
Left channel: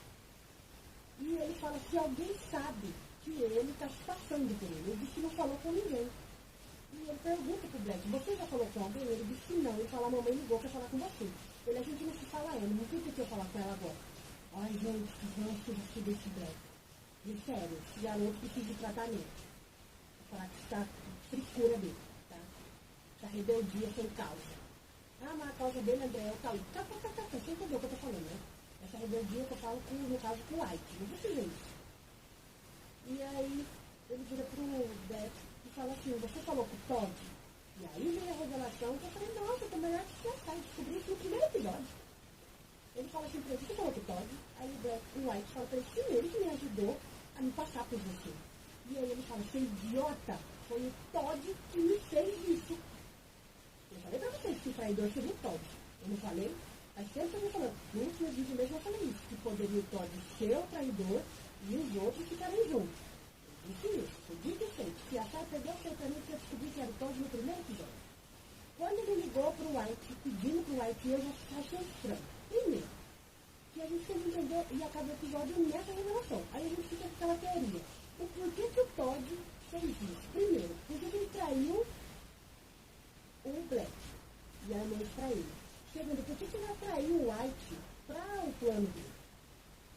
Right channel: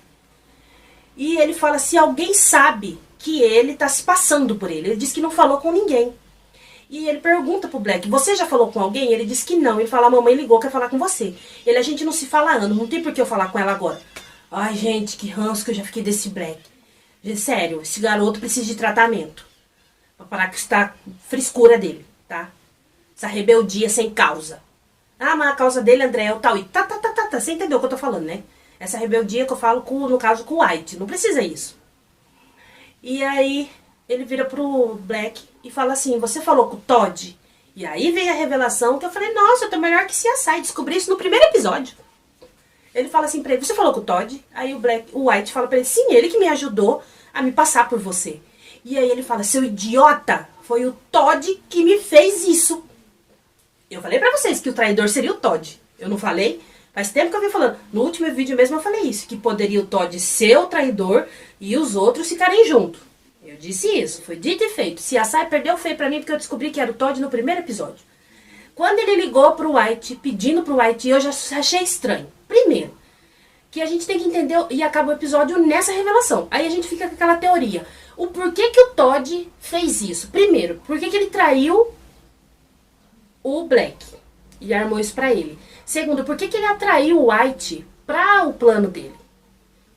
E ele fala se alguém sabe que ele tá se passando por ele. Ele diz que não falou com ninguém. E ele pergunta pro Black, você já falou com alguém? Ele diz que não. Ele fala, a mamãe ligou, quer falar com você. Ele, a gente não se fala há anos, não tem por que eu falar com ela agora. Ai, gente, que ranço que eu já fiquei desse Black. Sério, esse garoto precisa de tratamento. Pra parar com essa frescura dele, tá? Essa rebeldia sem causa. Ah, mas a causa dele, André, é o Tauí. Tá. Você entendeu o que eu tô falando, né? Essa rebeldia que eu falo, no caso, com o White. Não precisa isso. E aí, ele vira pro Black e fala assim, você falou com o Todd? E aí vem a revelação que eu falei, nossa, eu tô melhor que CSI. Descobri isso no primeiro episódio. Ele fala assim pra ele, você falou com o Todd? Aí o White fala pra ele, sim, ele que me ajudou a me passar por você. E aí ele fala, seu idiota, foi o Todd que me fez isso. Eu falei pra vocês que o traidor seria o Todd. Eu não falei? Faz tempo que eu venho falando. No último vídeo mesmo eu falei isso. Que poderia o Todd ser o traidor e os outros ficarem juntos. Eu disse isso. Foi dito e feito. Se a Sai perdeu feio pra mim porque eu descobri que era o Todd no primeiro episódio. Quando ele ligou pro White, pedindo pro White, eu já achei estranho. Primeiro, que a gente tem que entender e acaba o episódio nessa revelação. Aí a gente fica com aquela teoria. O porquê que o Todd fez isso? Primeiro, por que ele traiu o Black e armou isso pra ele. Segundo, por que ele atraiu o White para o plano dele?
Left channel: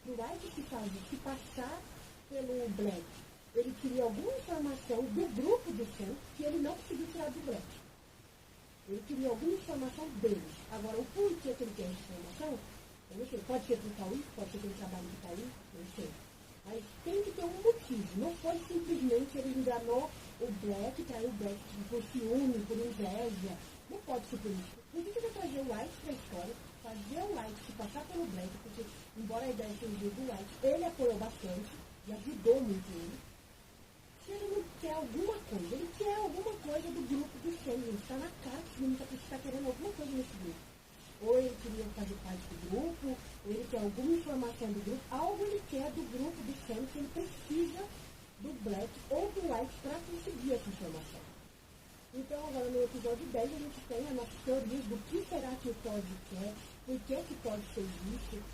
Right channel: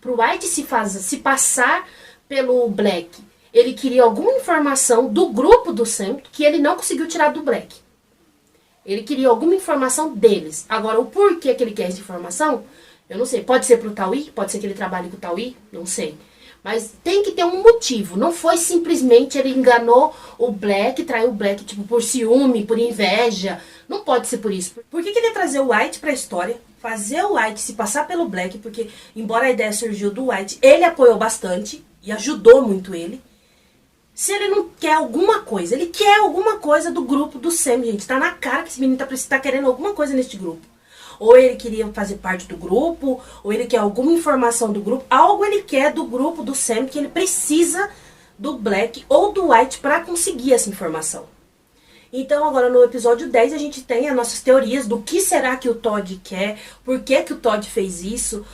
Pro White se passar pelo Black. Ele queria alguma informação do grupo do Sam que ele não conseguiu tirar do Black. Ele queria alguma informação deles. Agora, o porquê que ele quer essa informação, eu não sei. Pode ser pro Tauí, pode ser que ele trabalhe com o Tauí, não sei. Mas tem que ter um motivo. Não foi simplesmente ele enganou o Black, traiu o Black tipo por ciúme, por inveja. Não pode ser por isso. Por que ele ia trazer o White pra história? Fazer o White se passar pelo Black, porque embora a ideia surgiu do White, ele apoiou bastante e ajudou muito ele. Se ele não quer alguma coisa, ele quer alguma coisa do grupo do Sam, gente. Tá na cara que esse menino tá querendo alguma coisa neste grupo. Ou ele queria fazer parte do grupo, ou ele quer alguma informação do grupo. Algo ele quer do grupo do Sam, que ele precisa do Black ou do White para conseguir essa informação. Então agora no episódio 10 a gente tem as nossas teorias do que será que o Todd quer, por que o Todd fez isso,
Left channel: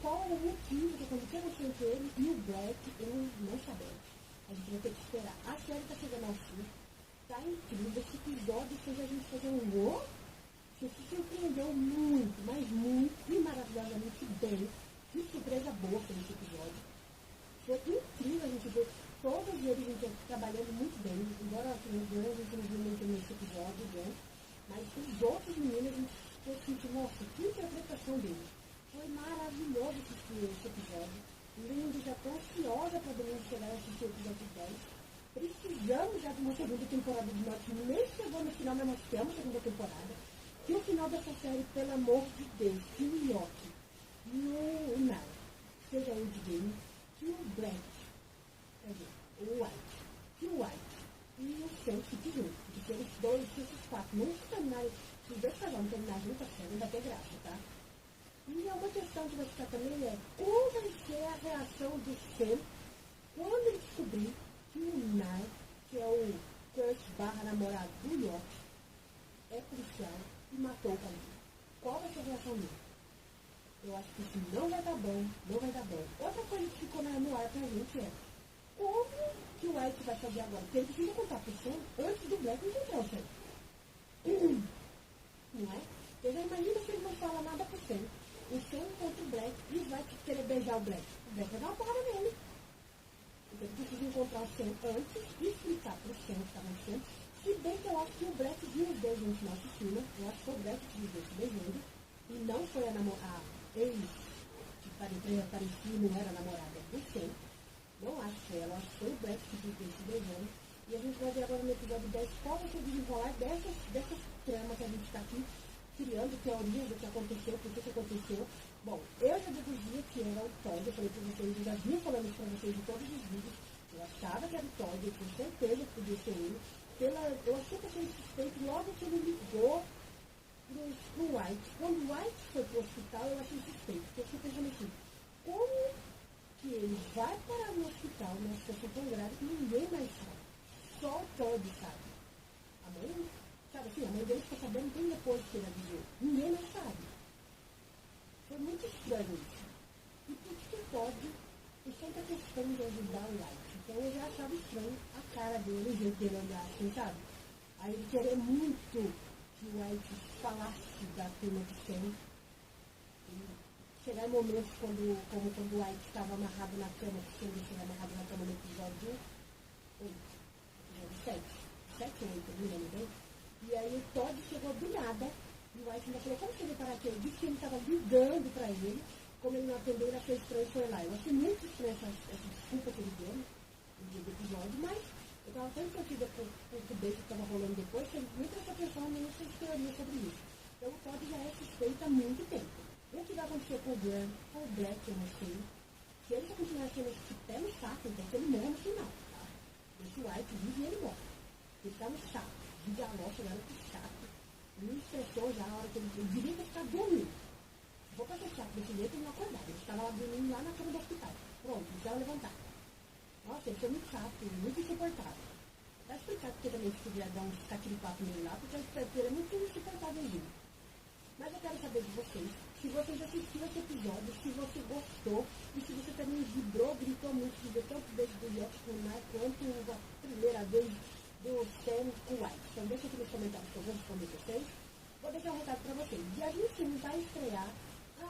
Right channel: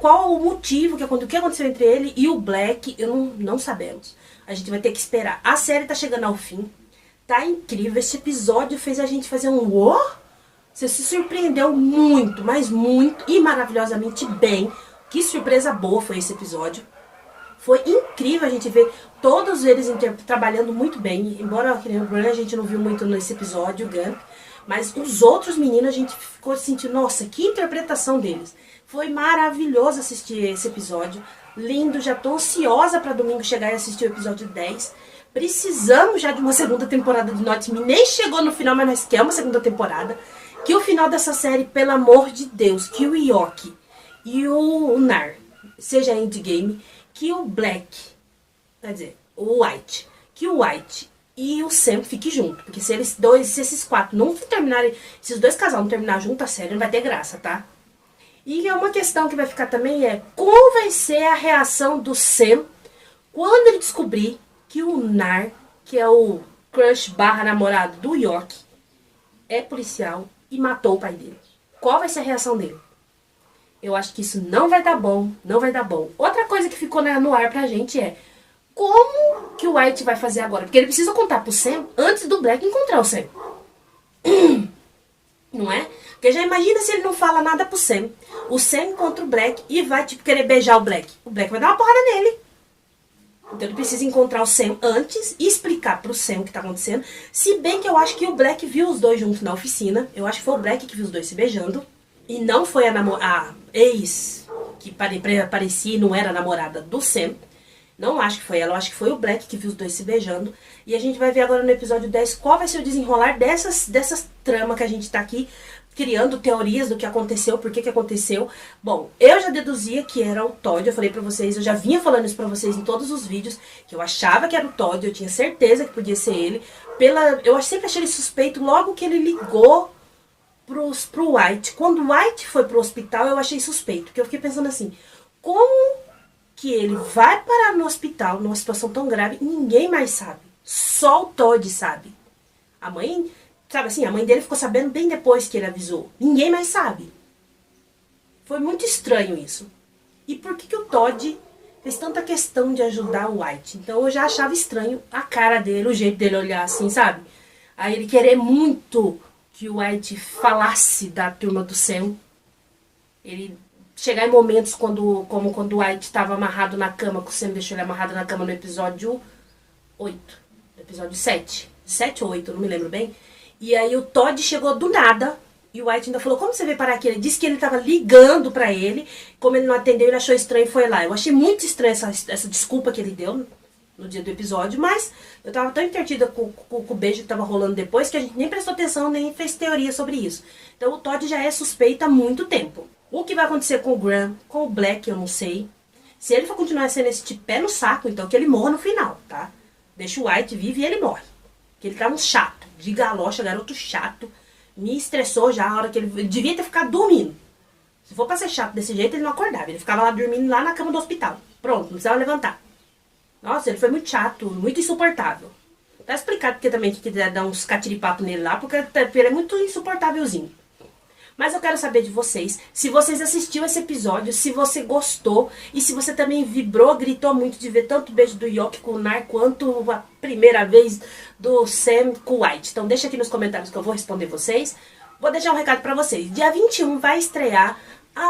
qual o motivo, o que aconteceu entre ele e o Black, não sabemos. A gente vai ter que esperar. A série tá chegando ao fim, tá incrível, esse episódio fez a gente fazer um uou. Você se surpreendeu muito, mas muito e maravilhosamente bem. Que surpresa boa foi esse episódio. Foi incrível a gente ver todos eles trabalhando muito bem. Embora o Bran a gente não viu muito nesse episódio, o Gunn. Mas os outros meninos a gente ficou sentindo, nossa, que interpretação deles. Foi maravilhoso assistir esse episódio. Lindo, já tô ansiosa para domingo chegar e assistir o episódio 10. Precisamos já de uma segunda temporada de Not Me. Nem chegou no final, mas nós queremos uma segunda temporada. Que o final dessa série, pelo amor de Deus, que o Yoki e o Nar seja endgame, que o Black, quer dizer, o White, que o White e o Sam fiquem juntos. Porque se esses quatro não terminarem, se os dois casais não terminar junto, a série não vai ter graça, tá? E é uma questão que vai ficar também como vai ser a reação do Sam quando ele descobrir que o Nar, que é o crush barra namorado do Yoki, é policial e matou o pai dele. Qual vai ser a reação dele? Eu acho que isso não vai dar bom, não vai dar bom. Outra coisa que ficou no ar pra gente é como que o White vai fazer agora? Porque ele precisa contar pro Sam antes do Black encontrar o Sam. Não é? Porque já imagina se ele não fala nada pro Sam. O Sam encontra o Black e vai, tipo, querer beijar o Black. O Black vai dar uma porrada nele. Então ele precisa encontrar o Sam antes e explicar pro Sam o que tá acontecendo. Se bem que eu acho que o Black viu os dois juntos na oficina. Eu acho que foi o Black que viu os dois se beijando. E não foi a ex que parecia e não era a namorada do Sam. Não acho que foi ela, eu acho que foi o Black que viu os dois se beijando. E a gente vai ver agora no episódio 10 qual vai ser o desenrolar dessas tramas que a gente tá aqui criando teorias do que aconteceu, por que aconteceu. Bom, eu já deduzia que era o Todd, eu falei pra vocês, eu já vinha falando isso pra vocês em todos os vídeos, que eu achava que era o Todd, eu tinha certeza que podia ser ele. Eu sempre achei ele suspeito logo que ele ligou pro White. Quando o White foi pro hospital, eu achei suspeito, porque eu fiquei pensando assim, como que ele vai parar no hospital numa situação tão grave e ninguém mais sabe? Só o Todd sabe. A mãe... Sabe assim, a mãe dele ficou sabendo bem depois que ele avisou. Ninguém mais sabe. Foi muito estranho isso. E por que o Todd fez tanta questão de ajudar o White? Então eu já achava estranho a cara dele, o jeito dele olhar assim, sabe? Aí ele querer muito que o White falasse da turma do Sam. Ele chegar em momentos como quando o White estava amarrado na cama, que o Sam deixou ele amarrado na cama no episódio 8. Episódio 7. 7 ou 8, não me lembro bem. E aí o Todd chegou do nada, e o White ainda falou, como você veio parar aqui? Ele disse que ele estava ligando pra ele, como ele não atendeu, ele achou estranho e foi lá. Eu achei muito estranha essa desculpa que ele deu no dia do episódio, mas eu tava tão entretida com o beijo que tava rolando depois, que a gente nem prestou atenção, nem fez teoria sobre isso. Então o Todd já é suspeito há muito tempo. O que vai acontecer com o Graham, com o Black, eu não sei. Se ele for continuar sendo esse tipo pé no saco, então que ele morra no final, tá? Deixa o White vive e ele morre. Que ele tá um chato. De galocha, garoto chato. Me estressou já a hora que ele devia ter ficado dormindo. Se for pra ser chato desse jeito, ele não acordava. Ele ficava lá dormindo lá na cama do hospital. Pronto, não precisava levantar. Nossa, ele foi muito chato, muito insuportável. Tá explicado porque também que quiser dar uns catiripapo nele lá, porque ele é muito insuportávelzinho. Mas eu quero saber de vocês, se vocês assistiram esse episódio, se você gostou e se você também vibrou, gritou muito de ver tanto o beijo do Yoki com o Nar quanto a primeira vez do Sam com o White. Então deixa aqui nos comentários que eu vou responder vocês. Vou deixar um recado pra vocês. Dia 21 vai estrear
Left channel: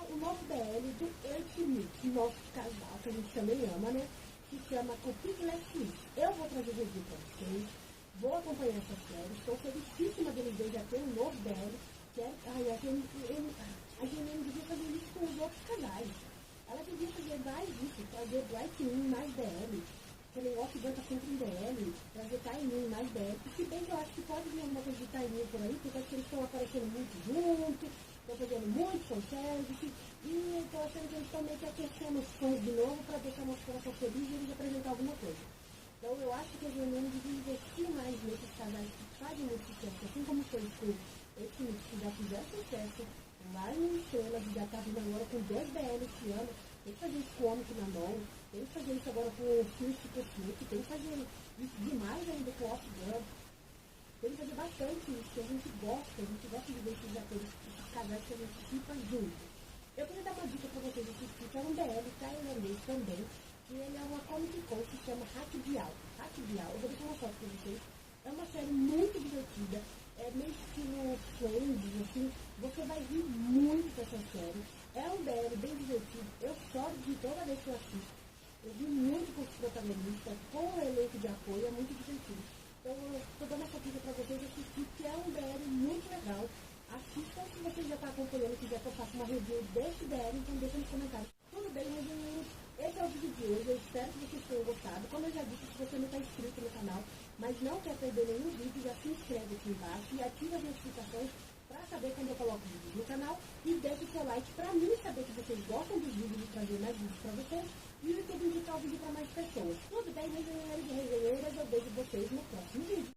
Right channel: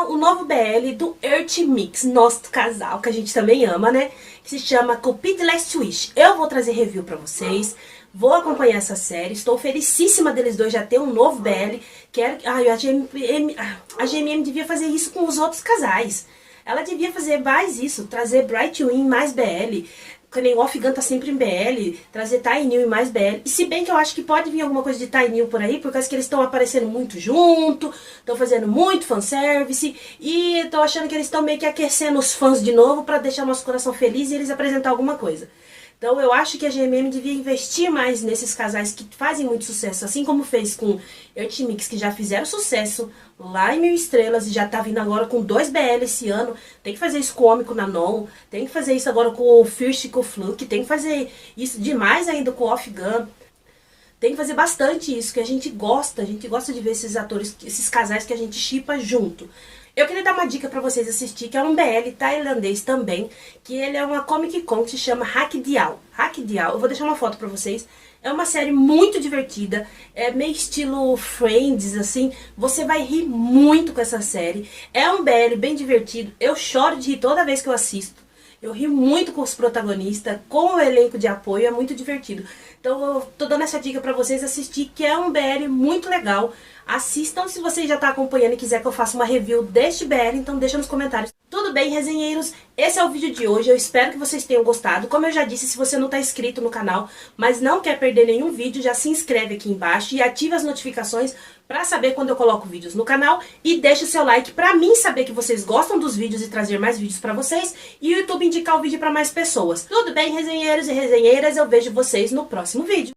o novo BL do Earth Mix, nosso casal, que a gente também ama, né? Que se chama Cupid Last Wish. Eu vou trazer review pra vocês. Vou acompanhar essa série, estou felicíssima deles dois já ter um novo BL. A GMM devia fazer isso com os outros casais. Ela devia fazer mais isso, trazer Bright Win mais BL. Que nem o Off Gun tá sempre em BL, trazer Ty New e mais BL. E se bem que eu acho que pode vir alguma coisa de Ty New por aí, por causa que eles estão aparecendo muito junto, estão fazendo muito fanservice, e tô achando que eles estão meio que aquecendo os fãs de novo pra deixar nosso coração feliz e eles apresentar alguma coisa. Então eu acho que a GMM devia investir mais nesses casais que fazem muito sucesso, assim como fez com Earth Mix, que já fizeram sucesso lá em 1000 Estrelas e já tá vindo agora com 2 BL esse ano. Tem que fazer isso com o Homem com o Nanon, tem que fazer isso agora com o Fierce e com o Fluke, tem que fazer isso demais ainda com o Off Gun. Tem que fazer bastante isso, que a gente gosta de ver esses atores, esses casais que a gente shippa junto. Eu queria dar uma dica pra vocês assistir, que é um BL tailandês também, que ele é uma Comic Con que se chama Hack Dial. Hack Dial, eu vou deixar uma foto pra vocês. É uma série muito divertida, é meio estilo Friends, assim. Você vai rir muito com essa série. É um BL bem divertido, eu choro de rir toda vez que eu assisto. Eu rio muito com os protagonistas, com o elenco de apoio, é muito divertido. Então eu tô dando essa dica pra vocês assistir, que é um BL muito legal. Assistam se você já está acompanhando e quiser que eu faça uma review deste BL, então deixa nos comentários. Tudo bem, resenheiros? Esse é o vídeo de hoje, eu espero que vocês tenham gostado. Como eu já disse, se você não está inscrito no canal, mas não quer perder nenhum vídeo, já se inscreve aqui embaixo e ative as notificações para saber quando eu coloco vídeos no canal. E deixa o seu like para mim saber que vocês gostam dos vídeos e trazer mais vídeos para vocês. E o YouTube indicar o vídeo para mais pessoas. Tudo bem, resenheiros e resenheiras? Eu vejo vocês no próximo vídeo.